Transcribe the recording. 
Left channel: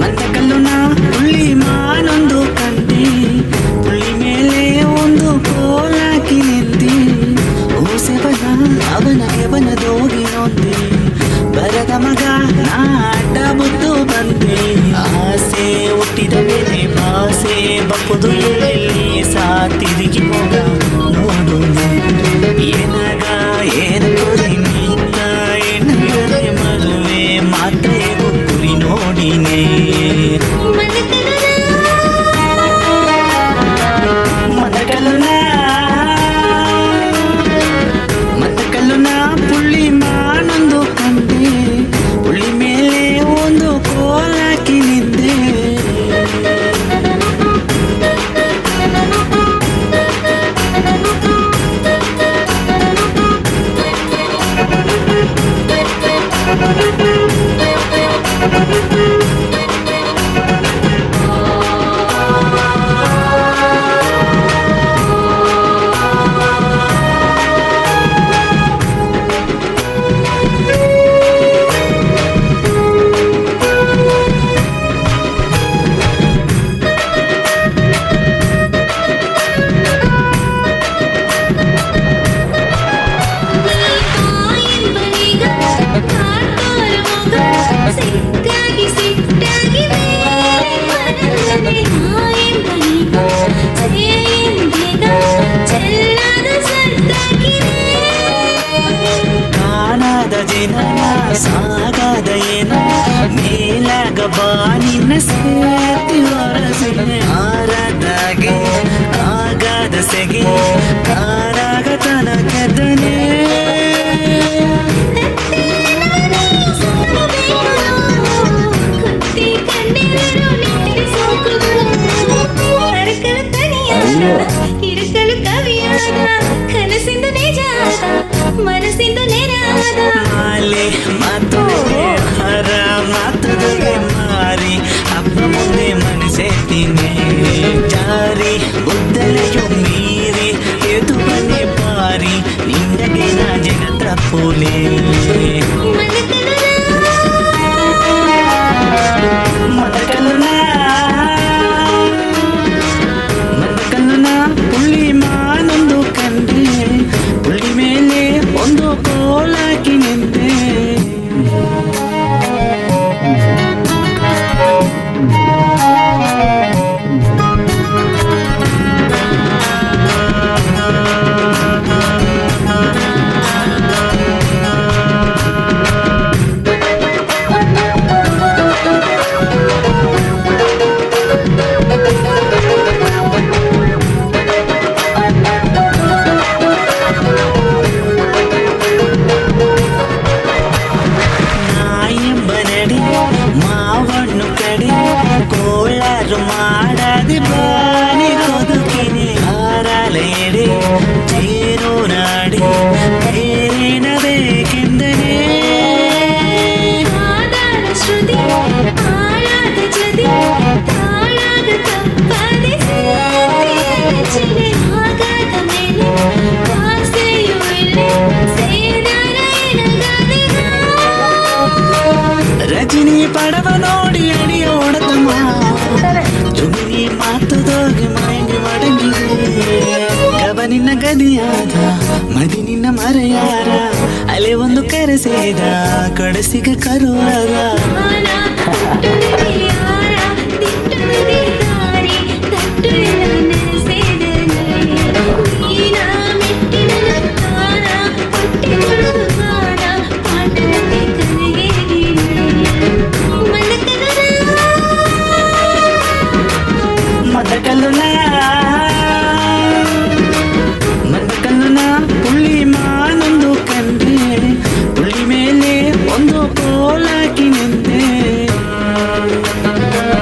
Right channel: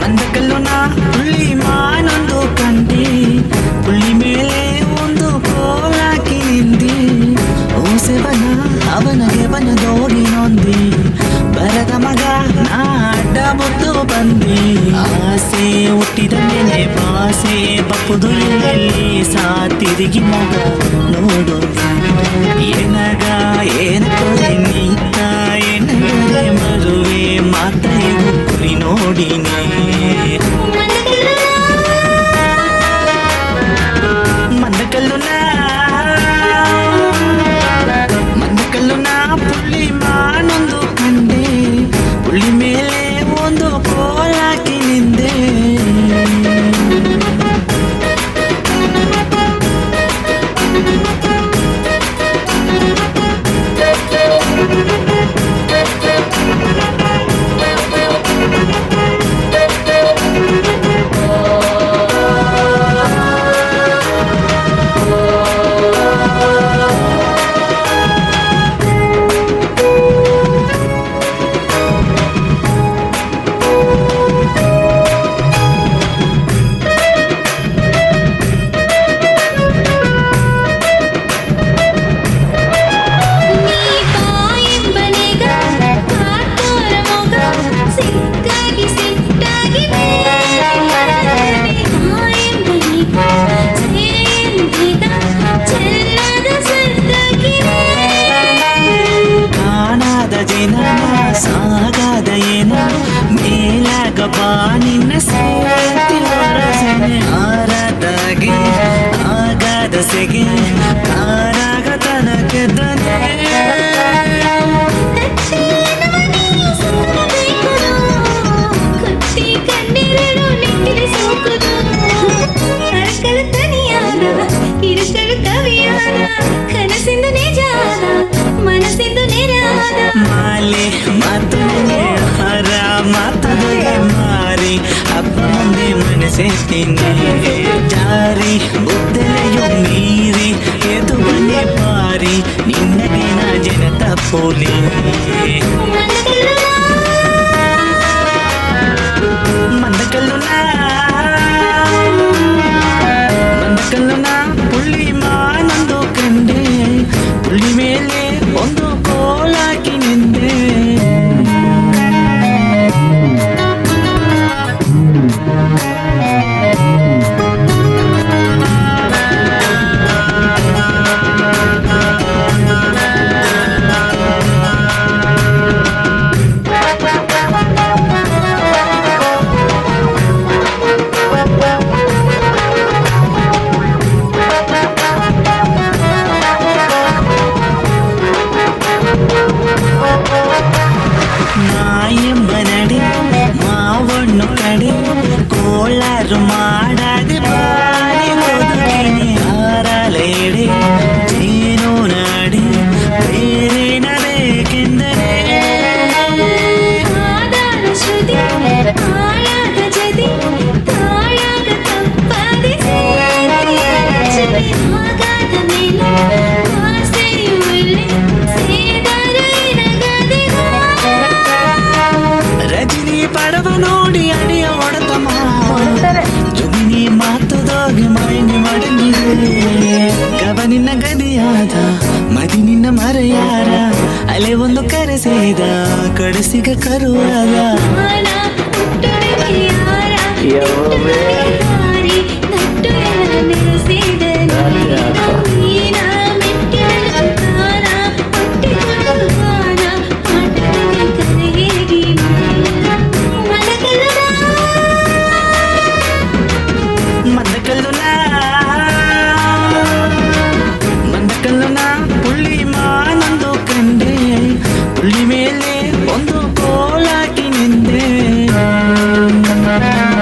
ಮಂದಕಲ್ಲುನ ಪುಳ್ಳಿ ಮಾನೊಂದು ಕಂಡೆ, ಪುಳ್ಳಿ ಮೇಲೆ ಒಂದು ಕೋಲಾಕಿ ನಿಂದೆ. ಓಸೆವನ ಅವನಗೆ ಬನದೋಗಿ ನೊಂದೆ, ಬರದ ಮಗ ನಾ ಅಡ್ಡ ಮುದ್ದು ಬಂದೆ. ಆಸೆ ಹುಟ್ಟಿದ ಮೇಲೆ ಭಾಸೆ ಬಪ್ಪುದು ಎಲ್ಲೆಲ್ಲಿ ಸಾ ತಿರುಗಿ ಮೊಗ ನೋಡು. ಏನಗ ಏನ ಕೊರೆ ನೀತ ಏನಗರೆ ಮರುವೆ ಮಾತೆಗೂ ಕುರಿ ನೋಡಿನೇ. ಮಂದಕಲ್ಲುನ ಪುಳ್ಳಿ ಮಾನೊಂದು ಕಂಡೆ, ಪುಳ್ಳಿ ಮೇಲೆ ಒಂದು ಕೋಲಾಕಿ ನಿಂದೆ. ಜನನ ಸಾಗದ ಏನ ಮೇಲಾಗ ಬಾ ನಿನ್ನ ಸೇತಿ ಹೊರಸೆನೆ. ಆರದಾಗೆ ಆಗದ ಸೆಗೆ ಕಾರಾಗ ತನಕೆದ್ದನೆ. ಕವಿಯಾದ ಕನಸಿಂದು ನಿಜಾದ ಮನಸ್ಸಿಂದು ನೆರಾದ. ಮಾಲೆ ಮಾತು ನನಗೆ ಹರ ಮಾತುದಗೆ ಮಾರಿ ಹಬ್ಬ ಮುಂದೆ ಮನಸ್ಸೆತ್ತೀನಿ. ಜಾರಿ ಬುದ್ದಲೆಯು ಮೀರಿ ಎದು ಬನೆ ಬಾರಿ ನಿನ್ನಗೆ ನಾ ಜನ ತಪ್ಪುಲೆ. ಮಂದಕಲ್ಲುನ ಪುಳ್ಳಿ ಮಾನೊಂದು ಕಂಡೆ, ಪುಳ್ಳಿ ಮೇಲೆ ಒಂದು ಕೋಲಾಕಿ ನಿಂದೆ. ಮಾವಣ್ಣು ಕಡೆ ಕೋಳಾರು ಮಾಡದೆ ಬಾನಿ ಕೊದುಕಿನಿ. ಆರಾಲೆಡೆ ಜೇನು ನಾಡಿ ಬೇರೇನ ಬೇಕೆಂದರೆ. ಆದಾರ ಶ್ರುತಿ ಆಳಾದ ಜದಿ ತಾಳಾಗ ತಪ್ಪದೆ ಸೇರ್ತಿ ರಚನೆ. ಆಗಾದ ಮೇಲೆ ಆಸೆಯು ಇಲ್ಲಿ ಸೇದಾರ ಏನಗಾದೆಗ. ರಜನಿ ಪಡವ ನೋಡಿ ಅಡಿಯ ಒಡತಮ್ಮ, ಜುಗಿನಿ ಮಾತುದೋಗಿ ಮೈನಿ ಮಡಂಗಿದೆ. ಗಬ ನಿನ್ನ ಗದಿಯಾದ ಮದಿ ನಿನ್ನ ಮರೆಯಾರ, ಅಲೆ ಒಂದು ಕರೆಸೇದ ಕಡಸಿಗ ಕರುವಾದ. ಮಂದಕಲ್ಲುನ ಪುಳ್ಳಿ ಮಾನೊಂದು ಕಂಡೆ, ಪುಳ್ಳಿ ಮೇಲೆ ಒಂದು ಕೋಲಾಕಿ ನಿಂದೆ. ಆ